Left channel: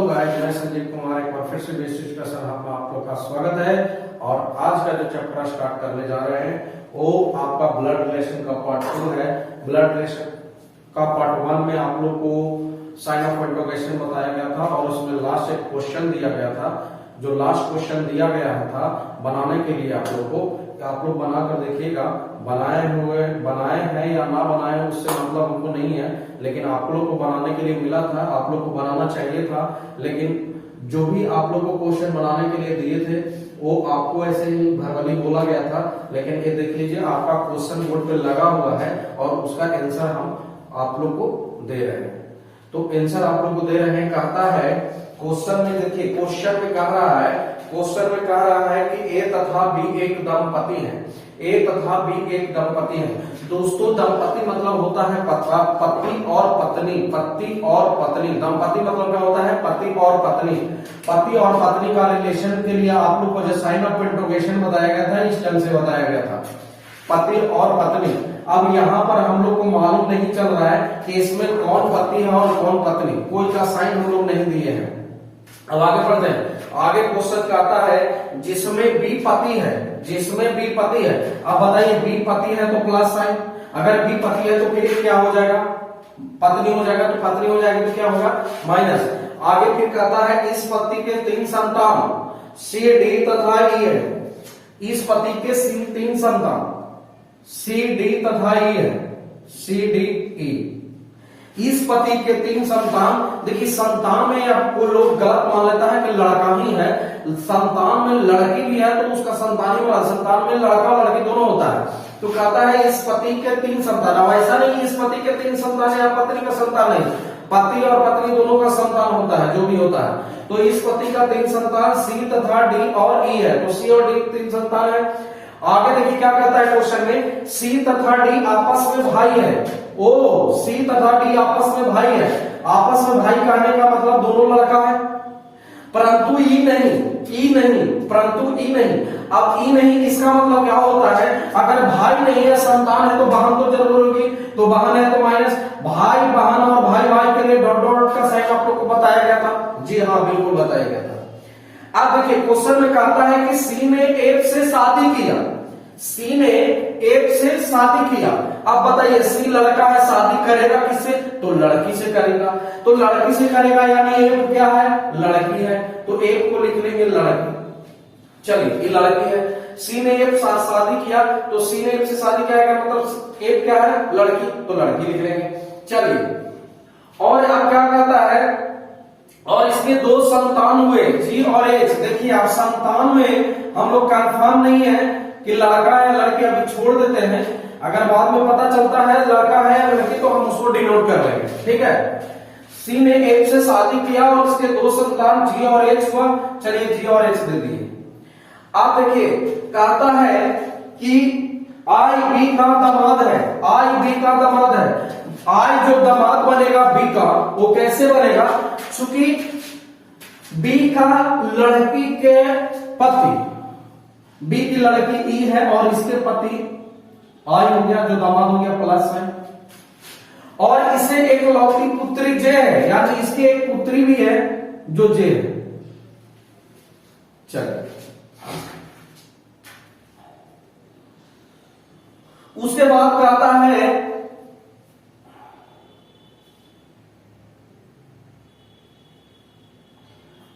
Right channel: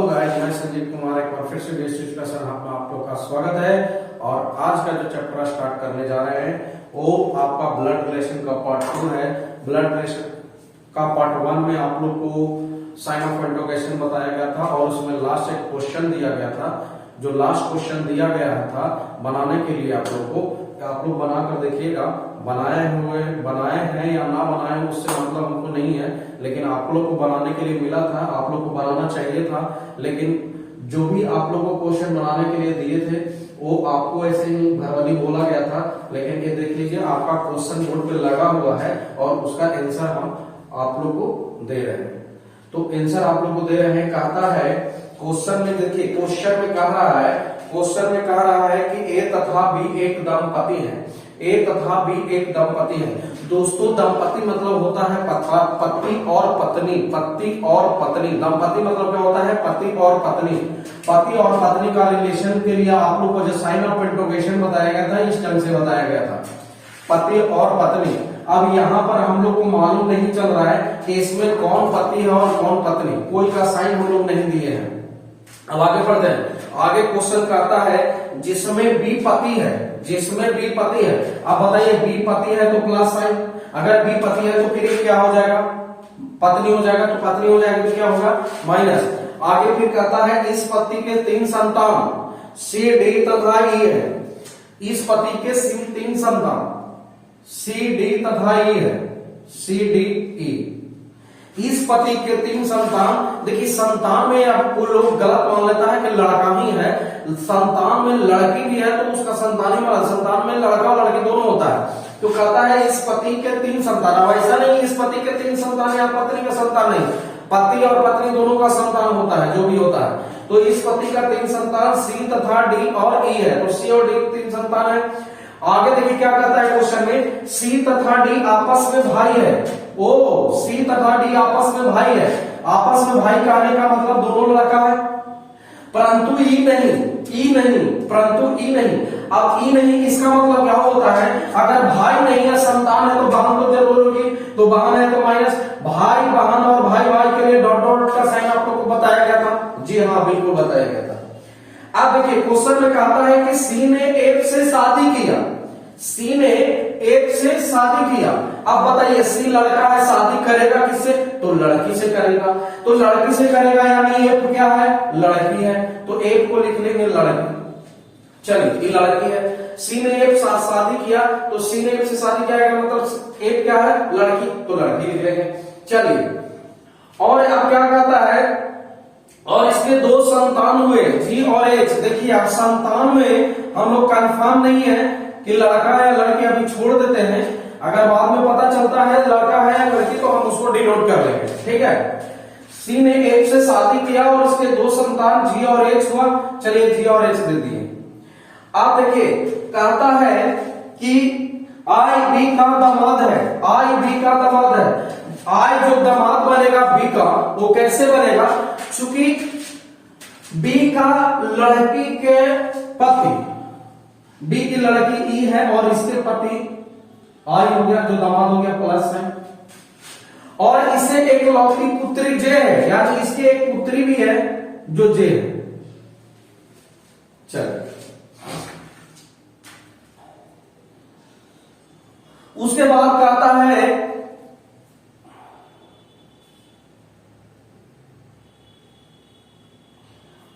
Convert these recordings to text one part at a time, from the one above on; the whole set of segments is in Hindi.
हेलो गाइस, मैं संजीव कुमार एक बार फिर से बेसिक डिस्कशन में आप लोग का स्वागत है। और आज का जो चैप्टर स्टार्ट करने जा रहे हैं वो आपका ब्लड रिलेशन का पार्ट 2 है। ब्लड रिलेशन का पार्ट 1 में आप लोग को साइन ऑफ इंट्रोगेशन बताया गया था और उसमें लास्ट एक क्वेश्चन दिया गया था। जो लास्ट क्वेश्चन दिया गया था बनाने के लिए आप लोग बनाकर देखिएगा। बनाए हैं या ना बनाए उससे मतलब हमको नहीं है, लेकिन आप लोग को बनाने के लिए मिला था, आप लोग को बनाना चाहिए था। लेकिन जो भी आप लोग को क्वेश्चन बनाने के लिए दिए थे वो आपको ऐसे ही भरवली बोला गया था। लेकिन ये देख लीजिए आपका क्वेश्चन बोर्ड पे लगा हुआ है और उसका आंसर हम आप लोग को दे रहे हैं। तो आंसर आप लोग को दे रहे हैं। कहता है क्वेश्चन में, देखिए क्वेश्चन में कह रहा है कि ए तथा बी एक दंपति है। ए तथा बी एक दंपति है। दोस्तों दंपति मतलब होता है पति और पत्नी। पति और पत्नी, दंपति मतलब क्या होता है? पति और पत्नी। पति और पत्नी का रिलेशन के लिए आप लोग को जो साइन ऑफ इंट्रोगेशन बताया गया था इस ढंग से बताया गया था, पति और पत्नी। अब यहाँ पर हम लोग को मालूम नहीं चल रहा है कि इसमें कौन पति है और कौन पत्नी, कोई का साइन हम लोग नहीं दिए हैं। अब आगे बढ़ते हैं। आगे क्वेश्चन कहता है जिसमें बी पति है, अब बताइए बी पति है तो प्लस साइन, अगर बी पति है तो फिर क्या हो जाएगा? पत्नी हो जाएगा। तो पत्नी हो जाएगी तो क्या होगा? माइनस। आगे फिर कहता है इस पति के 3 संतान सी डी तथा ई है। इस पति के 3 संतान सी डी तथा ई है, सी डी ई। इस पति के 3 संतान, देखिए संतान में आपको लोग गलत मान लेता है कि लड़का ही है। संतान में लड़की भी है तो उसका संतान ही बना। संतान में लड़का और लड़की दोनों होता है। तो कहता है इस पति के 3 संतान। अब ऐसा नहीं इस पति के 3 संतान है या पत्नी का संतान नहीं, पति और पत्नी दोनों का संतान होता है, जो भी होता है। तो इस पति का 3 संतान सी तथा डी और ई है, तो सी और डी 3 संतान है। आगे देखिए क्या कहता है क्वेश्चन में, सी तथा डी आपस में भाई है। ओ सी तथा डी आपस में भाई है। आपस में भाई कहने का मतलब दोनों लड़का है, परंतु ई नहीं, परंतु ई नहीं। अब ई नहीं इसका मतलब क्या होता है? अगर भाई नहीं है, संतान है तो बहन तो जरूर होगी, तो बहन है तो माइनस। भाई बहन और भाई भाई के लिए डॉट डॉट का साइन आप लोग को बताया गया था। जी हाँ, बिल्कुल बताया गया था। अब देखिए क्वेश्चन में कहता है कि सी ने एक से शादी किया। सी ने एक से शादी किया। अब बताइए सी लड़का है, शादी करेगा किससे? तो लड़की से करेगा। तो लड़की से करेगा यानी एक क्या है? लड़की है। तो एक को लिख लेंगे लड़की। चलिए ये लड़की है। सी ने एक साथ शादी किया तो सी ने एक से शादी किया मतलब एक क्या है? लड़की, तो लड़की लिख लेंगे। चलिए और अब क्या कहता है, और इसके 2 संतान हुए जी और एच। देखिए आप संतान में हम लोग कंफर्म नहीं है कि लड़का है लड़की, अभी छोड़ देते हैं। अगर बाद में पता चलता है लड़का है या लड़की तो हम उसको डिनोट कर लेंगे, ठीक है। सी ने एक से शादी किया और इसके 2 संतान जी और एच हुआ। चलिए जी और एच दे दिए। आप देखिए कहता है कि आई बी का दामाद है। आई बी का दामाद है। आई जो दामाद बनेगा बी का, वो कैसे बनेगा? चूंकि बी का लड़की के पति, बी की लड़की ई है और इसके पति आई हो गया, जो दामाद हो गया प्लस है। और इसे एक लौती पुत्री जे है, यानी इसकी एक पुत्री भी है जो जे है। चलिए उसके बाद कहता है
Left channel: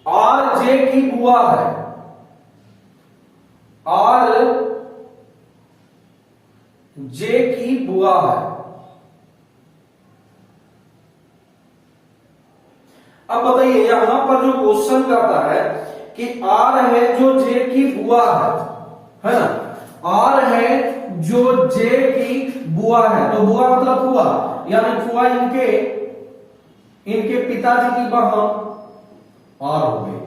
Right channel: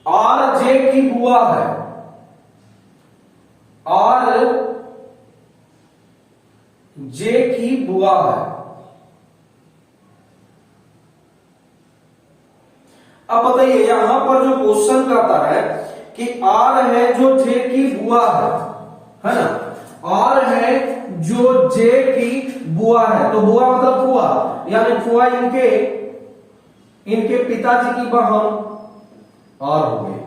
आर जे की बुआ है। आर जे की बुआ है। अब बताइए यहां पर जो क्वेश्चन करता है कि आर है जो जे की बुआ है ना? आर है जो जे की बुआ है, तो बुआ मतलब बुआ, यानी बुआ इनके पिताजी की बहन आर हो गई।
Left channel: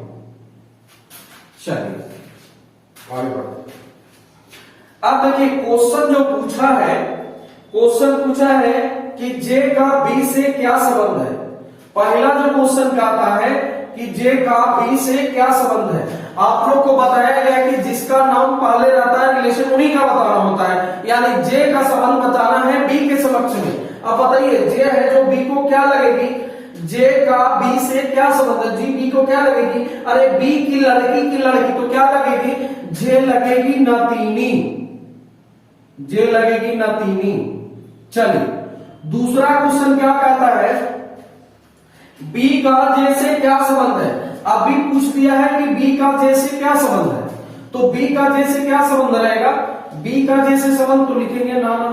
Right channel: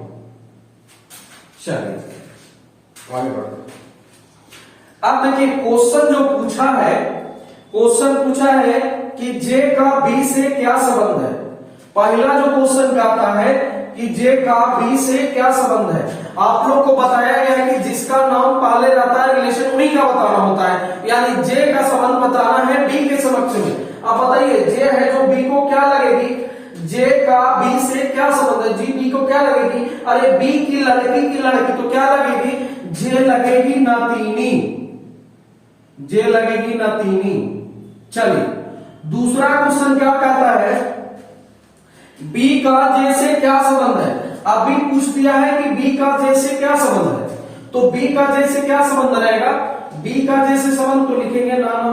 चलिए आगे बढ़ते। अब देखिए क्वेश्चन जो पूछा है कि जे का बी से क्या संबंध है। पहला जो क्वेश्चन कहता है कि जे का बी से क्या संबंध है। आप लोग को बताया गया है कि जिसका नाम पहले रहता है रिलेशन उन्हीं का बताना होता है, यानी जे का संबंध बताना है बी के समक्ष में। अब बताइए जे है जो बी को क्या लगेगी? जे का बी से क्या संबंध है, जी बी को क्या लगेगी, अरे बी की लड़की तो क्या लगेगी, जे लगेगी नातीनी, जे लगेगी नातीनी। चलिए दूसरा क्वेश्चन क्या कहता है, बी का जे से क्या संबंध है। अभी पूछ दिया है कि बी का जे से क्या संबंध है, तो बी का जे से क्या संबंध रहेगा, बी का जे से संबंध तो लिखेंगे नाना।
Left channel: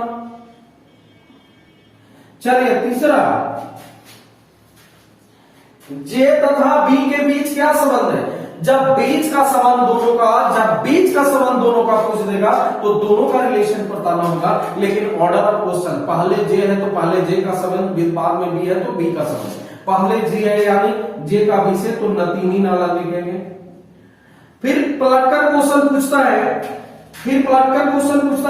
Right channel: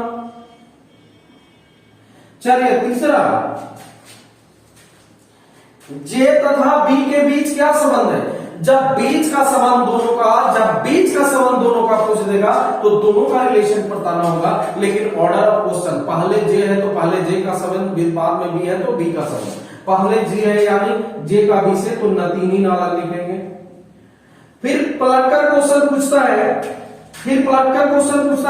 चलिए तीसरा, जे तथा बी के बीच क्या संबंध है। जब बीच का संबंध दोनों का पूछ देगा तो दोनों का रिलेशन बताना होगा, लेकिन ऑर्डर ऑफ क्वेश्चन, पहले जे है तो पहले जे का संबंध, बाद में बी है तो बी का संबंध। पहले जे है यानी जे का बी से, तो नतीनी नाला लिखेंगे। फिर पलटकर क्वेश्चन पूछता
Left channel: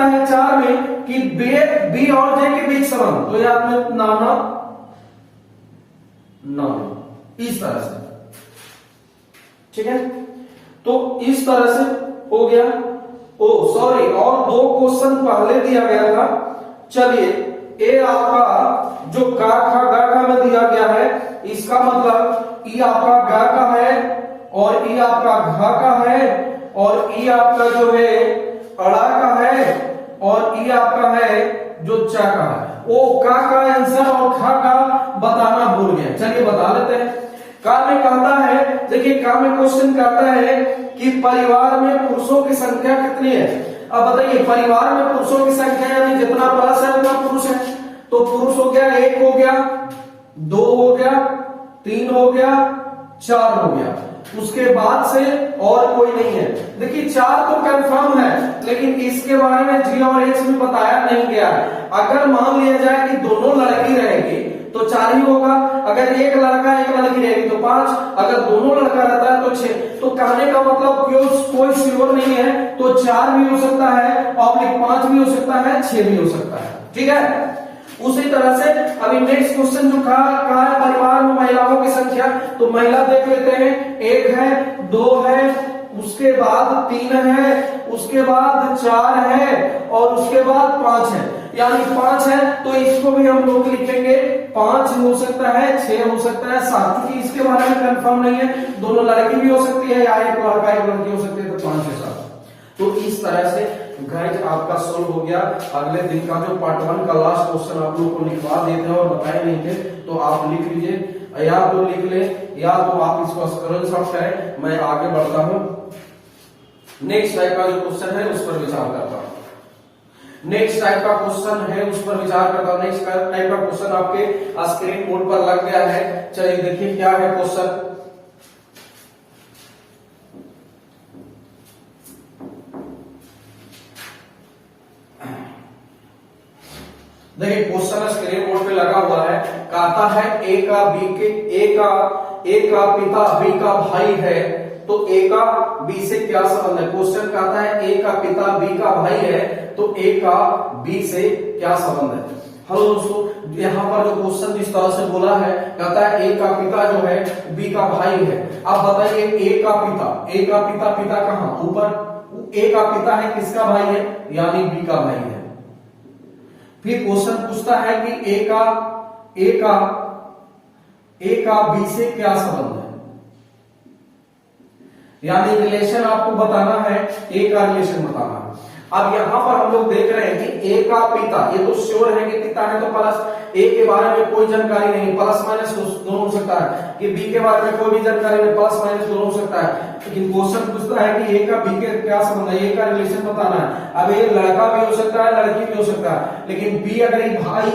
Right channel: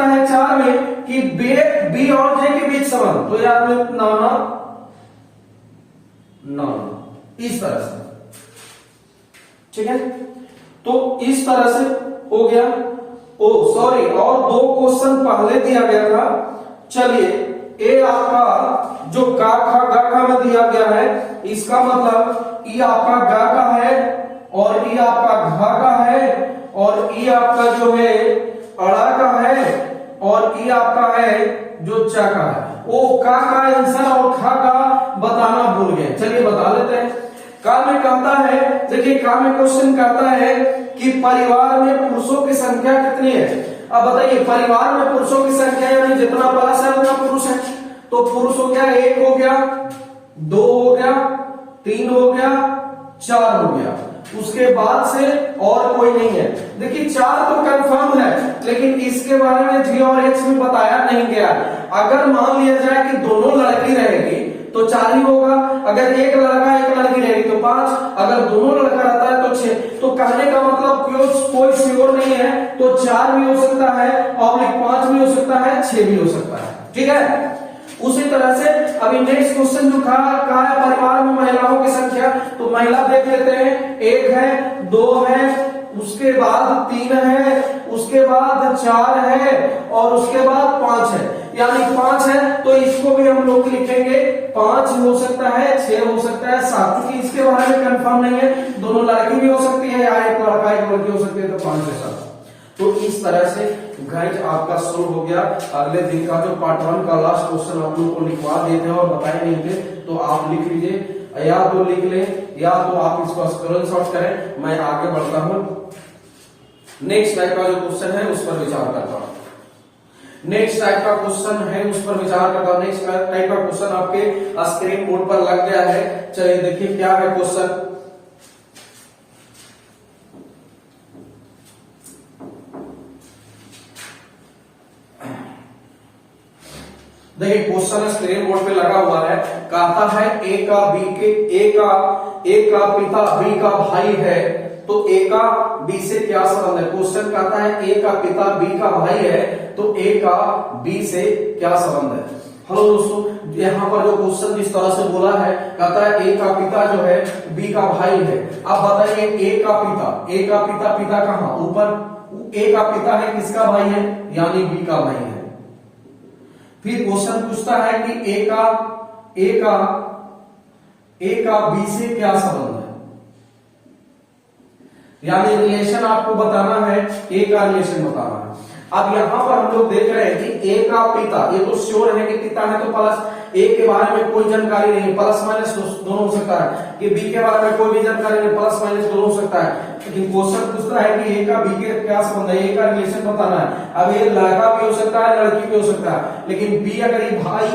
है 4 में कि बी और जे के बीच संबंध, तो याद में नाना इस तरह से, ठीक है। तो इस तरह से हो गया। और 2 क्वेश्चन पहले दिया गया था। चलिए ए आपका जो का खा गा का में दिया गया है, इसका मतलब ई आपका गा का है और ई आपका घा का है और ई आपका जो है अड़ा का है और ई आपका है जो चा का है। वो का आंसर और खा का बताना भूल गए, चलिए बता लेते हैं। का में कहता है, देखिए का में क्वेश्चन कहता है कि परिवार में पुरुषों की संख्या कितनी है। अब बताइए, परिवार में पुरुषों की संख्या यानी जितना प्लस है उतना पुरुष है, तो पुरुष हो गया 1 हो गया, 2 हो गया, 3 हो गया, 4 हो गया, उसके बाद से और कोई नहीं है। देखिए 4 तो कंफर्म है, लेकिन इसके बारे में जी और एच में बताया नहीं गया है। अगर मान लिया जाए कि दोनों लड़की रहेगी तो 4 ही होगा, अगर एक लड़का एक लड़की रहेगी तो 5, अगर दोनों लड़का रहता है तो 6। तो कहने का मतलब कोई श्योर नहीं है, तो 4 भी हो सकता है और 5 भी हो सकता है, 6 भी हो सकता है, ठीक है। उसी तरह से अभी नेक्स्ट क्वेश्चन जो कहा है परिवार में महिलाओं की संख्या, तो महिला देख लेते हैं, 1 है, 2 है, उसके बाद 3 है, उसके बाद 4 है और उसके बाद 5 है, यानी 5 है। तो इसको भी हम लोग लिखेंगे 5 हो सकता है, 6 हो सकता है, 7, क्योंकि इसके बारे में कंफर्म नहीं है, दोनों लड़की भी हो सकती है या एक लड़का एक लड़की हो सकती है, तो 5 के साथ। तो इस तरह से गाइस आपका सोल्व हो गया। अगले दिन का जो पार्ट 1 का लास्ट क्वेश्चन आप लोग को लिखवा देते हैं और बताए नहीं थे, तो आप लिख लीजिए, या तो लिख ले या तो आप इसको स्क्रीनशॉट करें। मैं आगे बढ़ता हूं, नेक्स्ट टाइप का जो क्वेश्चन है उस पर विचार करता हूं। नेक्स्ट टाइप का क्वेश्चन है उस पर विचार करता हूं। नेक्स्ट टाइप का क्वेश्चन आपके स्क्रीन बोर्ड पर लग गया है। चलिए देखिए क्या है क्वेश्चन। देखिए क्वेश्चन स्क्रीन बोर्ड पे लगा हुआ है, कहता है ए का पिता बी का भाई है, तो ए का बी से क्या संबंध है। क्वेश्चन कहता है ए का पिता बी का भाई है, तो ए का बी से क्या संबंध है। हेलो दोस्तों, यहाँ पर जो क्वेश्चन जिस तरह से बोला है, कहता है ए का पिता जो है बी का भाई है। अब बताइए ए का पिता कहाँ, ऊपर। ए का पिता है किसका भाई है, यानी बी का भाई है। फिर क्वेश्चन पूछता है कि ए का बी से क्या संबंध है, यानी रिलेशन आपको बताना है, ए का रिलेशन बताना है। अब यहां पर हम लोग देख रहे हैं कि ए का पिता, ये तो श्योर है कि पिता है, तो प्लस ए के बारे में कोई जानकारी नहीं, प्लस माइनस दोनों हो सकता है। कि बी के बारे में कोई भी जानकारी नहीं, प्लस माइनस दोनों हो सकता है। लेकिन क्वेश्चन पूछता है कि ए का बी के क्या संबंध है, ए का रिलेशन बताना है। अब ये लड़का भी हो सकता है, लड़की भी हो सकता है, लेकिन बी अगर ये भाई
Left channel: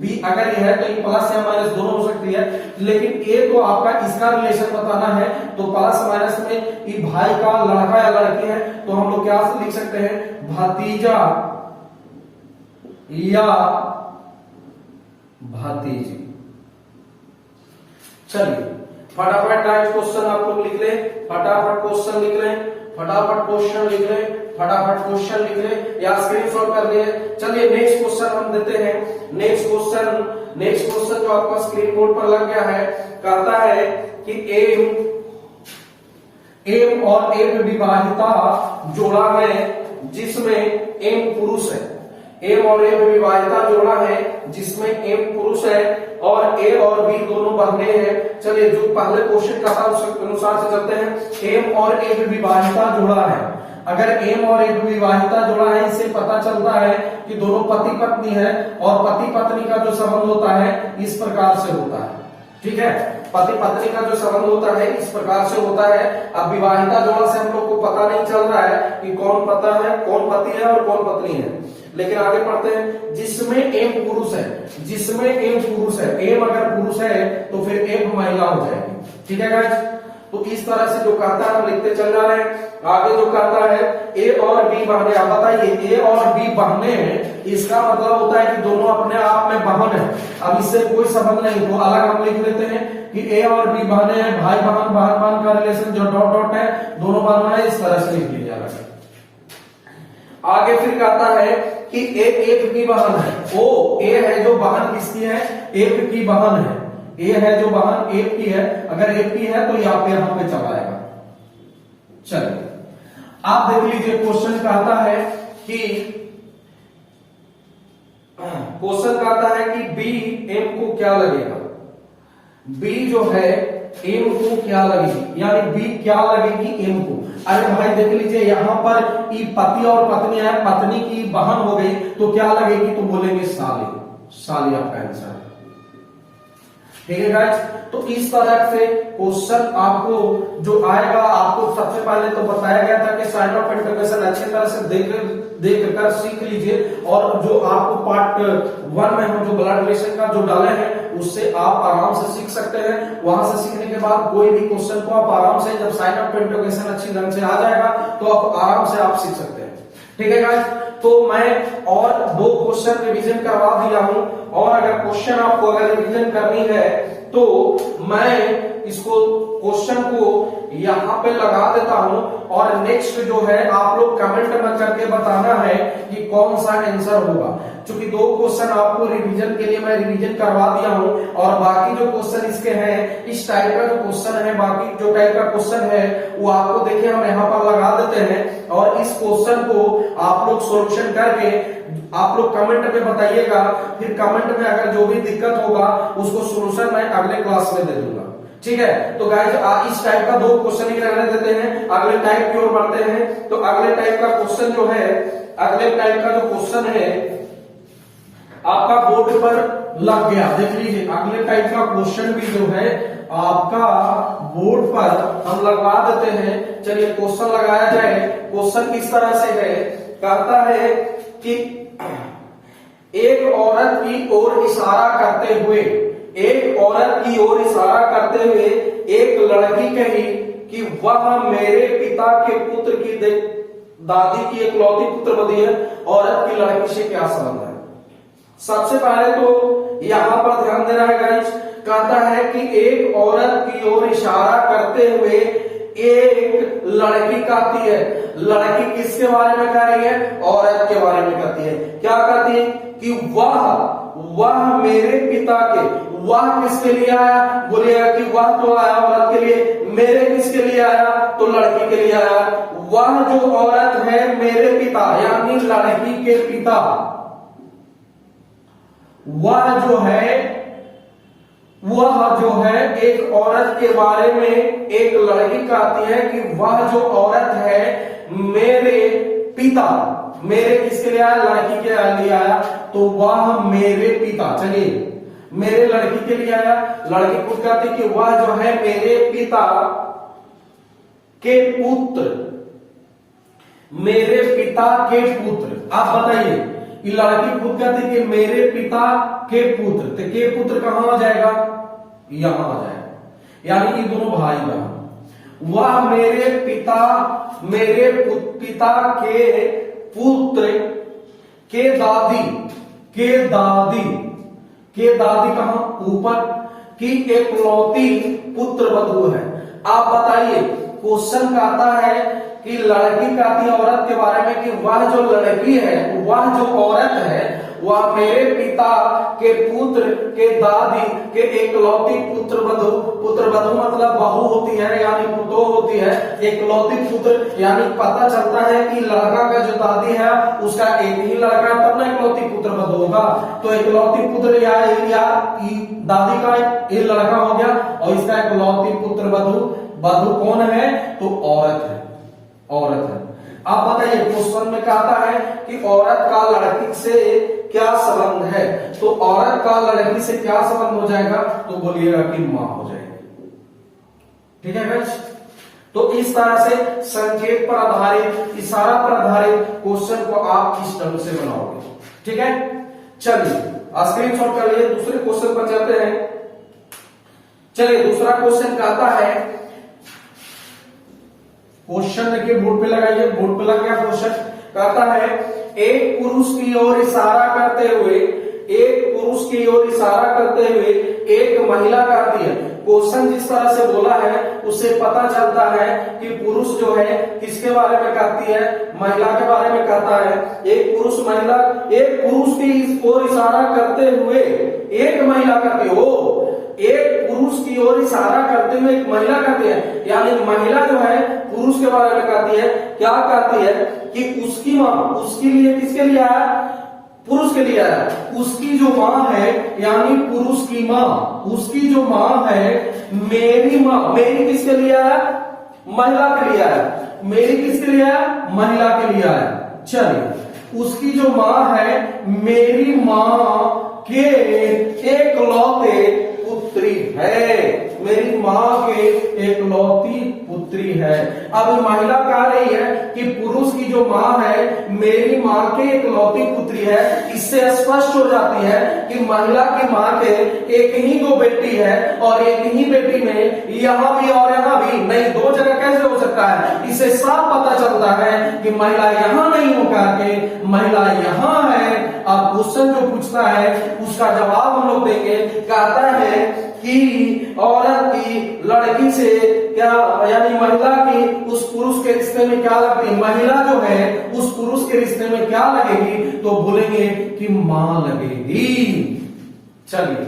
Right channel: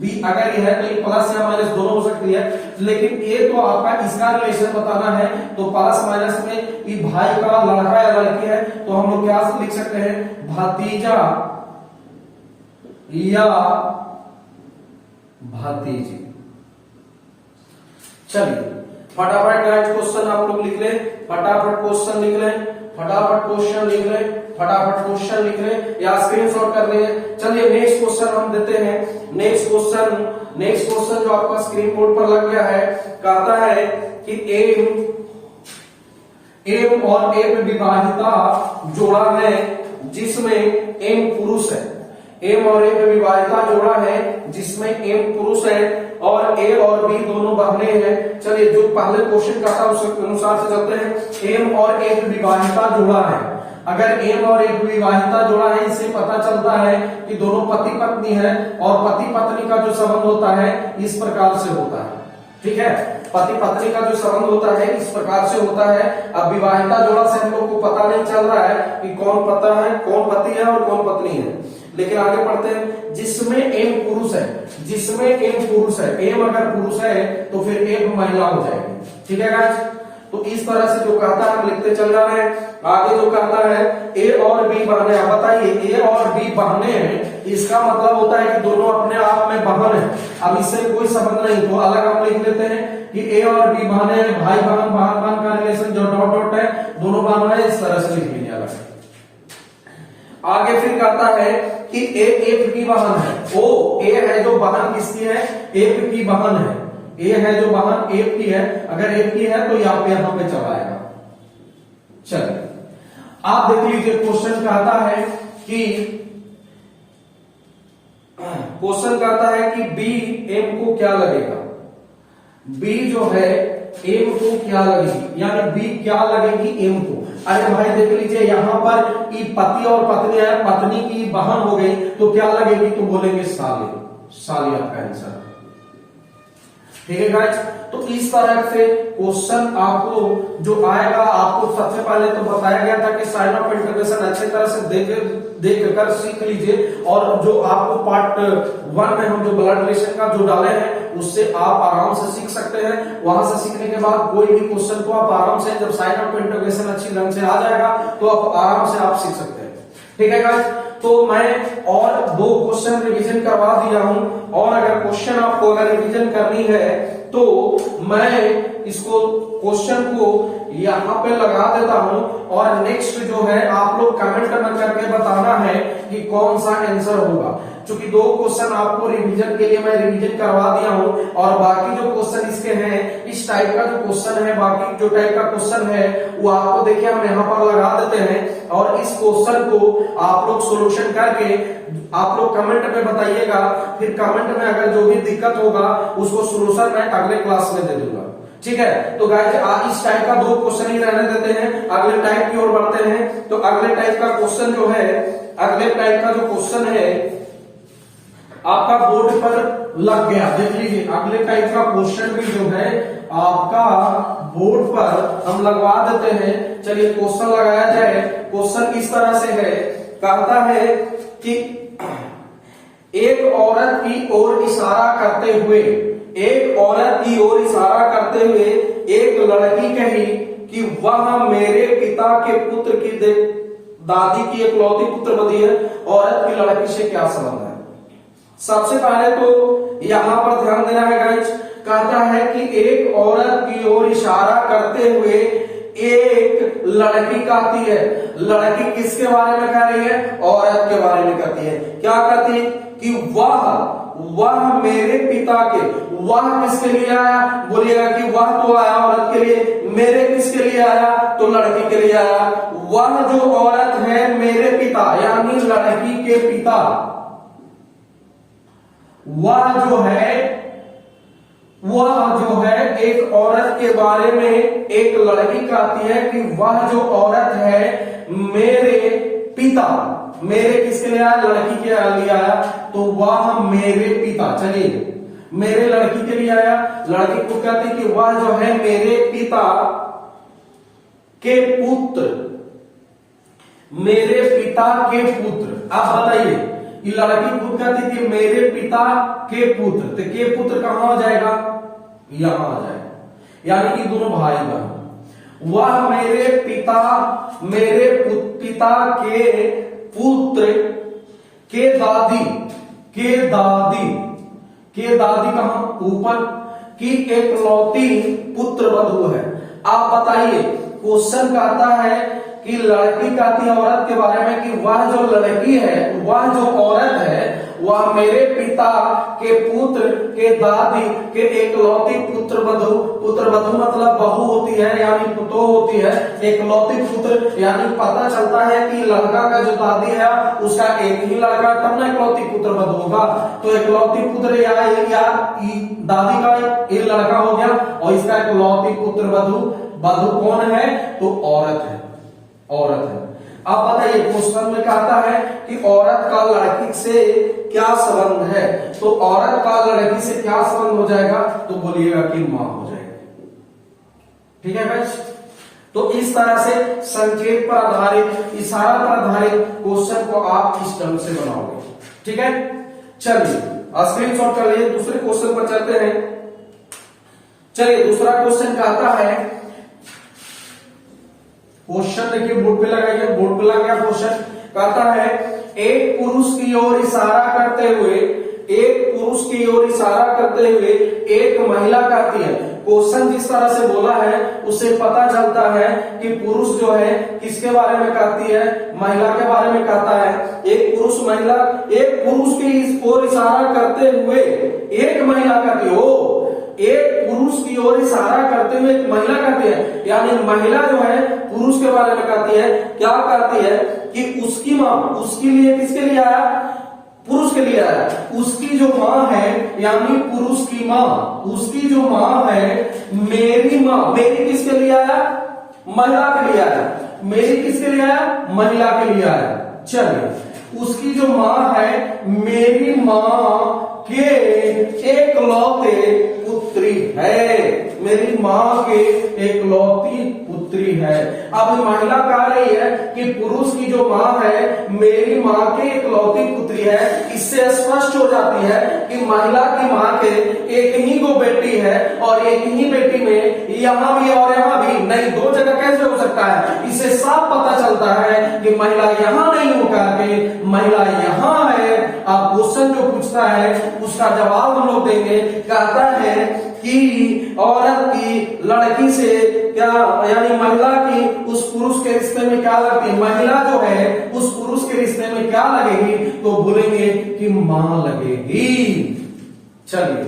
बी अगर ये है तो ये प्लस या माइनस दोनों हो सकती है। लेकिन ए तो आपका इसका रिलेशन बताना है, तो प्लस माइनस में ये भाई का लड़का या लड़की है, तो हम लोग क्या लिख सकते हैं, भतीजा या भतीजी। चलिए फटाफट नेक्स्ट क्वेश्चन आप लोग लिख ले, फटाफट क्वेश्चन लिख ले, फटाफट क्वेश्चन लिख ले, फटाफट क्वेश्चन लिख ले या स्क्रीनशॉट कर ले। चलिए नेक्स्ट क्वेश्चन हम देते हैं। नेक्स्ट क्वेश्चन जो आपका स्क्रीन बोर्ड पर लग गया है, कहता है कि एम और एम विवाहिता जोड़ा है जिसमें एम पुरुष है। एम और एम विवाहिता जोड़ा है जिसमें एम पुरुष है, और ए और बी दोनों बहने हैं। चलिए जो पहले क्वेश्चन का था उसके अनुसार से चलते हैं। एम और एक विवाहिता जुड़ा है। अगर एम और एक विवाहिता जुड़ा है, इससे पता चलता है कि दोनों पति पत्नी है, और पति पत्नी का जो संबंध होता है इस प्रकार से होता है। ठीक है, पति पत्नी का जो संबंध होता है इस प्रकार से होता है। अब विवाहिता जोड़ा से हम लोग को पता नहीं चल रहा है कि कौन पता है, कौन पति है और कौन पत्नी है, लेकिन आगे पढ़ते हैं। जिसमें एम पुरुष है, जिसमें एम पुरुष है, एम अगर पुरुष है तो फिर एक महिला हो जाएगी। ठीक है गाइस, तो इस तरह से जो कहता है हम लिखते चल रहे हैं। आगे जो कहता है ए और बी बहने। आप बताइए, ए और बी बहने हैं, इसका मतलब होता है कि दोनों अपने आप में बहन है। अब इससे कोई संबंध नहीं, तो अलग हम लिख लेते हैं कि ए और बी बहने हैं, भाई बहन, बहन बहन का रिलेशन जो डॉट डॉट है, दोनों बहन है, इस तरह से लिख लीजिए अलग। आगे फिर कहता है कि ए एक की बहन है। ओ ए है जो बहन किसकी है, एक की बहन है। ए है जो बहन एक की है, अगर एक की है तो यहाँ पे चला आएगा। चलिए आप देख लीजिए, क्वेश्चन कहता है कि बी एम को क्या लगेगा। बी जो है एम को क्या लगेगी, यानी बी क्या लगेगी एम को। अरे भाई देख लीजिए, यहां पर पति और पत्नी है, पत्नी की बहन हो गई तो क्या लगेगी, तो बोलेंगे साली। साली आपका आंसर। ठीक है गाइस, तो इस तरह से क्वेश्चन आपको जो आएगा, आपको सबसे पहले तो बताया गया था कि साइन ऑफ इंटरवेशन अच्छे तरह से देख कर सीख लीजिए, और जो आपको पार्ट 1 में हम जो ब्लड रिलेशन का जो डाले हैं उससे आप आराम से सीख सकते हैं। वहां से सीखने के बाद कोई भी क्वेश्चन को आप आराम से, जब साइन ऑफ इंटरवेशन अच्छी ढंग से आ जाएगा तो आप आराम से आप सीख सकते हैं। ठीक है गाइस, तो मैं और 2 क्वेश्चन रिवीजन करवा दिया हूं, और अगर क्वेश्चन आपको अगर रिवीजन करनी है तो मैं इसको क्वेश्चन को यहाँ पे लगा देता हूं, और नेक्स्ट जो है आप लोग कमेंट में करके बताना है कि कौन सा आंसर होगा। क्योंकि 2 क्वेश्चन आपको रिवीजन के लिए मैं रिवीजन करवा दिया हूं, और बाकी जो क्वेश्चन इसके हैं, इस टाइप का जो क्वेश्चन है, बाकी जो टाइप का क्वेश्चन है वो आपको देखिए हम यहाँ पर लगा देते हैं, और इस क्वेश्चन को आप लोग सोल्यूशन करके आप लोग कमेंट में बताइएगा। फिर कमेंट में अगर जो भी दिक्कत होगा उसको सोल्यूशन मैं अगले क्लास में दे दूंगा। ठीक है, तो गाइस इस टाइप का 2 क्वेश्चन ही रहने देते हैं, अगले टाइप की ओर बढ़ते हैं। तो अगले टाइप का क्वेश्चन जो है, अगले टाइप का जो क्वेश्चन है आपका बोर्ड पर लग गया, देख लीजिए। अगले टाइप का क्वेश्चन भी जो है आपका बोर्ड पर हम लगवा देते हैं। चलिए क्वेश्चन लगाया जाए। क्वेश्चन किस तरह से है, कहता है कि एक औरत की ओर इशारा करते हुए, एक औरत की ओर इशारा करते हुए एक लड़की कही कि वह मेरे पिता के पुत्र की दादी की इकलौती पुत्रवधि है। औरत की लड़की से क्या संबंध है? सबसे पहले तो यहां पर ध्यान देना है गाइस, कहता है कि एक औरत की ओर इशारा करते हुए एक लड़की कहती है। लड़की किसके बारे में कह रही है? औरत के बारे में कहती है। क्या कहती है कि वह मेरे पिता के, वह किसके लिए आया? बोलिएगा कि वह तो आया औरत के लिए, मेरे किसके लिए आया? तो लड़की के लिए आया। वह जो औरत है मेरे पिता, यानी लड़की के पिता, वह जो है एक औरत के बारे में एक लड़की कहती है कि वह जो औरत है मेरे पिता, मेरे किसके लिए आया? लड़की के लिए आया, तो वह मेरे पिता। चलिए मेरे लड़की के लिए आया, लड़की को कहती कि वह जो है मेरे पिता के पुत्र, मेरे पिता के पुत्र। आप बताइए, ये लड़की खुद कहती कि मेरे पिता के पुत्र, तो के पुत्र कहां आ जाएगा? यहां आ जाएगा, यानी कि दोनों भाई बहन। वह मेरे पिता के पुत्र के दादी कहां? ऊपर की इकलौती पुत्र वधू है। आप बताइए, क्वेश्चन कहता है कि लड़की कहती है औरत के बारे में कि वह जो लड़की है, वह जो औरत है, वह मेरे पिता के पुत्र के दादी के इकलौती पुत्र वधू मतलब बहू होती है यानी पुतो होती है, एकलौती पुत्र यानी पता चलता है कि लड़का का जो दादी है उसका एक ही लड़का है, तब ना एकलौती पुत्र वधु होगा। तो एकलौती पुत्र या दादी का एक लड़का हो गया और इसका एकलौती पुत्र वधु। वधु कौन है? तो औरत है, औरत है। आप बताइए क्वेश्चन में कहता है कि औरत का लड़की से क्या संबंध है, तो औरत का लड़की से क्या संबंध हो जाएगा? तो बोलिएगा कि मां हो जाएगा। ठीक है बच्च? तो इस तरह से संकेत पर आधारित, इशारा पर आधारित क्वेश्चन को आप इस ढंग से बनाओगे। ठीक है, चलिए स्क्रीनशॉट कर लिए, दूसरे क्वेश्चन पर चलते हैं। चलिए दूसरा क्वेश्चन कहता है, क्वेश्चन देखिए बोर्ड पे लगाइए, बोर्ड पे लग गया क्वेश्चन। कहता है एक पुरुष की ओर इशारा करते हुए, एक पुरुष की ओर इशारा करते हुए एक महिला कहती है। क्वेश्चन जिस तरह से बोला है उससे पता चलता है कि पुरुष जो है किसके बारे में कहती है? महिला के बारे में कहता है। एक पुरुष महिला, एक पुरुष की ओर इशारा करते हुए एक महिला कहती है, एक पुरुष की ओर इशारा करते हुए एक महिला कहती है, यानी महिला जो है पुरुष के बारे में कहती है। क्या कहती है? कि उसकी मां, उसके लिए, किसके लिए आया? पुरुष के लिए आया। उसकी जो मां है यानी पुरुष की मां, उसकी जो मां है मेरी मां, मेरी किसके लिए आया? महिला के लिए आया। मेरी किसके लिए आया? महिला के लिए आया। चलिए उसकी जो मां है मेरी मां के एकलौते पुत्री है, मेरी मां के एकलौती पुत्री है। अब महिला कह रही है कि पुरुष की जो मां है मेरी मां के एकलौती पुत्री है। इससे स्पष्ट हो जाती है कि महिला की मां के एक ही दो बेटी है और एक ही बेटी में यहां भी और यहां भी नहीं, दो जगह कैसे हो सकता है? इससे साफ पता चलता है कि महिला यहां नहीं होकर के महिला यहां है। अब क्वेश्चन जो पूछता है उसका जवाब हम लोग देंगे। कहता है कि औरत की लड़की से क्या, यानी महिला की उस पुरुष के रिश्ते में क्या लगती है? महिला जो है उस पुरुष के रिश्ते में क्या लगेगी? तो बोलेंगे कि मां लगेगी। चलिए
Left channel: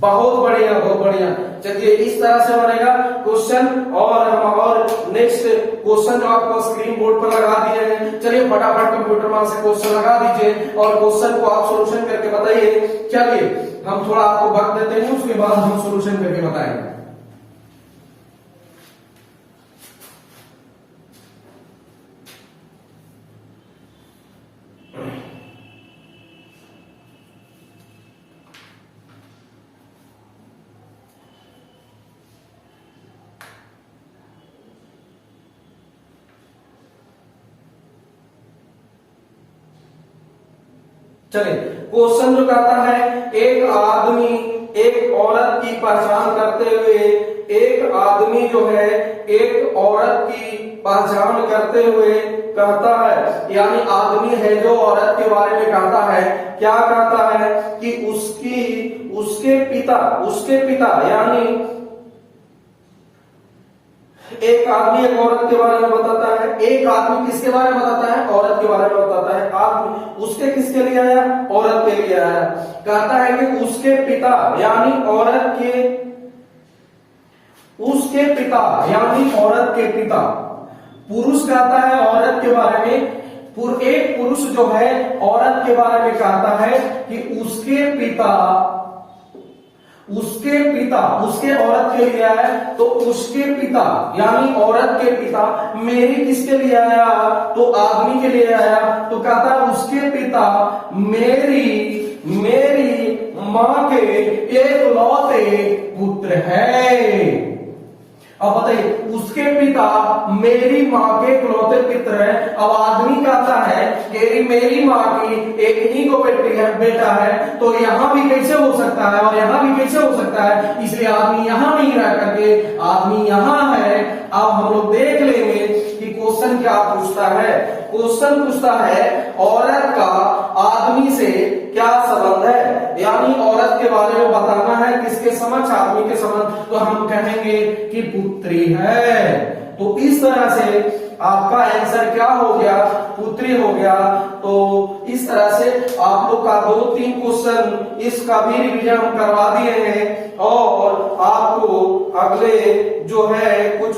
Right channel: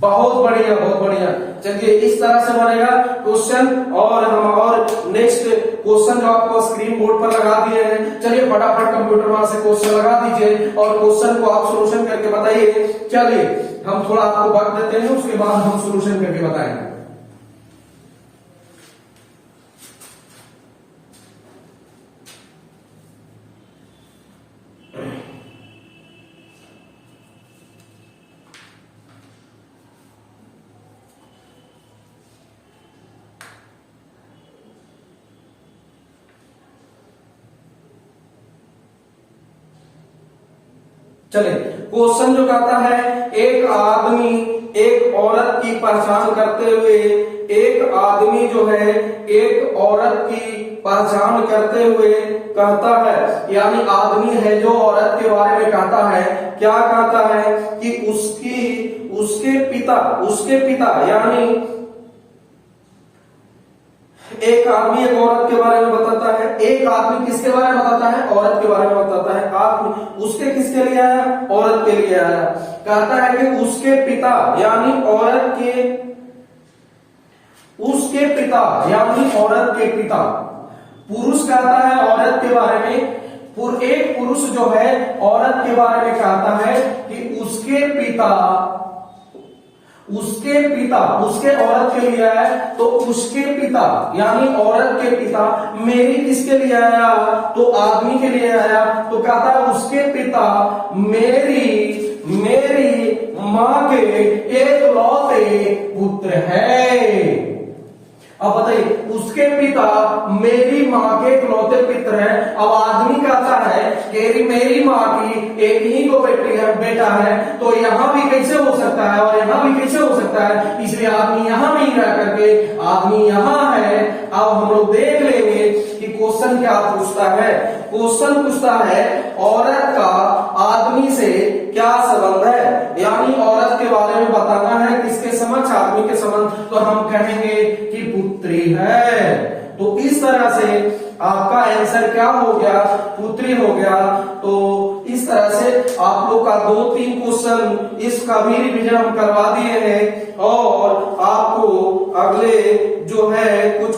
बहुत बढ़िया, बहुत बढ़िया। चलिए इस तरह से बनेगा क्वेश्चन। और हम और नेक्स्ट क्वेश्चन जो आपको स्क्रीन बोर्ड पर लगा दिए हैं, चलिए फटाफट कंप्यूटर वहां से क्वेश्चन लगा दीजिए और क्वेश्चन को आप सोल्यूशन करके बताइए। चलिए हम थोड़ा आपको वक्त देते हैं, उसके बाद हम सोल्यूशन करके बताएंगे। चले क्वेश्चन जो कहता है, एक आदमी एक औरत की पहचान करते हुए, एक आदमी जो है एक औरत की पहचान करते हुए कहता है, यानी आदमी है जो औरत के बारे में कहता है। क्या कहता है? कि उसके पिता यानी एक आदमी एक औरत के बारे में बताता है। एक आदमी किसके बारे में बताता है? औरत के बारे में बताता है। आदमी उसके किसके लिए आया? औरत के लिए आया। कहता है कि उसके पिता यानी औरत के, उसके पिता यानी औरत के पिता। पुरुष कहता है औरत के बारे में, एक पुरुष जो है औरत के बारे में कहता है कि उसके पिता उसके औरत के लिए आया। तो उसके पिता यानी औरत के पिता मेरी किसके लिए आया? तो आदमी के लिए आया। तो कहता है उसके पिता मेरी मां के एकलौते पुत्र है। अब बताइए उसके पिता मेरी मां के इकलौते पुत्र है। अब आदमी कहता है मेरी मां की एक ही को बेटा है, तो यहां भी कैसे हो सकता है और यहां भी कैसे हो सकता है? इसलिए आदमी यहां नहीं रह करके आदमी यहां है। अब हम लोग देख लेंगे कि क्वेश्चन क्या पूछता है। क्वेश्चन पूछता है औरत का आदमी से क्या संबंध है, यानी औरत के बारे में बताना है किसके समक्ष? आदमी के समक्ष। तो हम कहेंगे कि पुत्री है। तो इस तरह से आपका आंसर क्या हो गया? पुत्री हो गया। तो इस तरह से आप लोग का 2-3 क्वेश्चन इसका भी रिवीजन हम करवा दिए हैं और आपको अगले जो है कुछ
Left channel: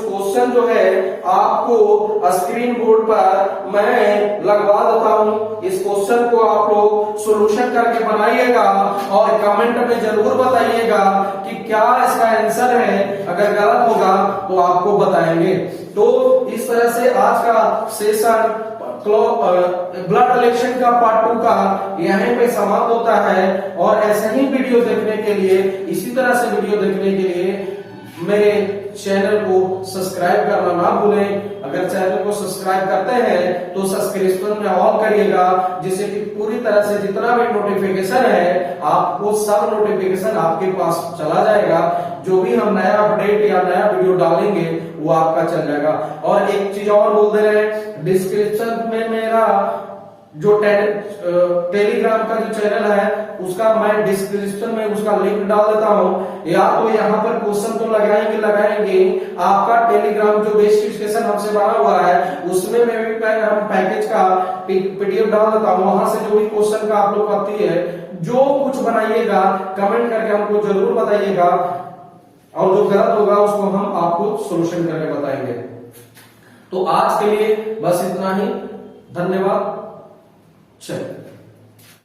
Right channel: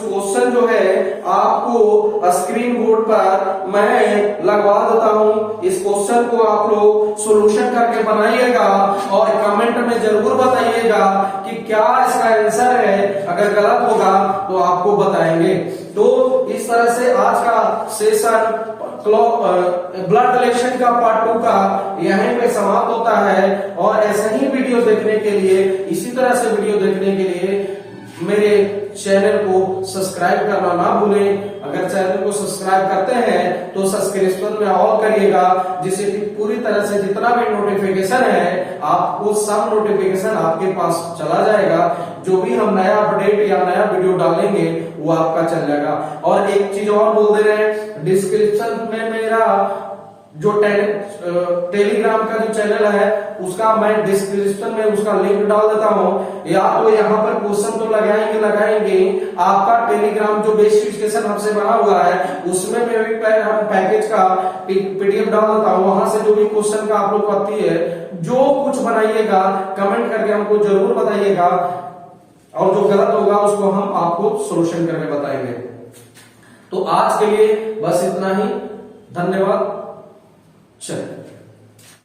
स्क्रीन बोर्ड पर मैं लगवा देता हूं। इस क्वेश्चन को आप लोग सॉल्यूशन करके बनाइएगा और कमेंट में जरूर बताइएगा कि क्या इसका आंसर है। अगर गलत होगा तो आपको बताएंगे। तो इस तरह से आज का सेशन ब्लड रिलेशन का पार्ट 2 का यहीं पे समाप्त होता है। और ऐसे ही वीडियो देखने के लिए, इसी तरह से वीडियो देखने के लिए मेरे चैनल को सब्सक्राइब करना ना भूलें। अगर चैनल को सब्सक्राइब करते हैं तो सब्सक्रिप्शन में ऑल करिएगा, जिससे कि पूरी तरह से जितना भी नोटिफिकेशन है आपको सब नोटिफिकेशन आपके पास चला जाएगा। जो भी हम नया अपडेट या नया वीडियो डालेंगे वो आपका चल जाएगा। और एक चीज और बोल दे रहे हैं, डिस्क्रिप्शन में मेरा जो टेलीग्राम का जो चैनल है उसका मैं डिस्क्रिप्शन में उसका लिंक डाल देता हूं। या तो यहाँ पर क्वेश्चन तो लगाएंगे आपका टेलीग्राम जो बेस स्टेशन हमसे बना हुआ है उसमें मैं भी हम पैकेज का पीडीएफ डाल देता हूँ। वहां से जो भी क्वेश्चन का आप लोग आती है, जो कुछ बनाइएगा कमेंट करके हमको जरूर बताइएगा, और जो गलत होगा उसको हम आपको सोल्यूशन करके बताएंगे। तो आज के लिए बस इतना ही। धन्यवाद। चलिए।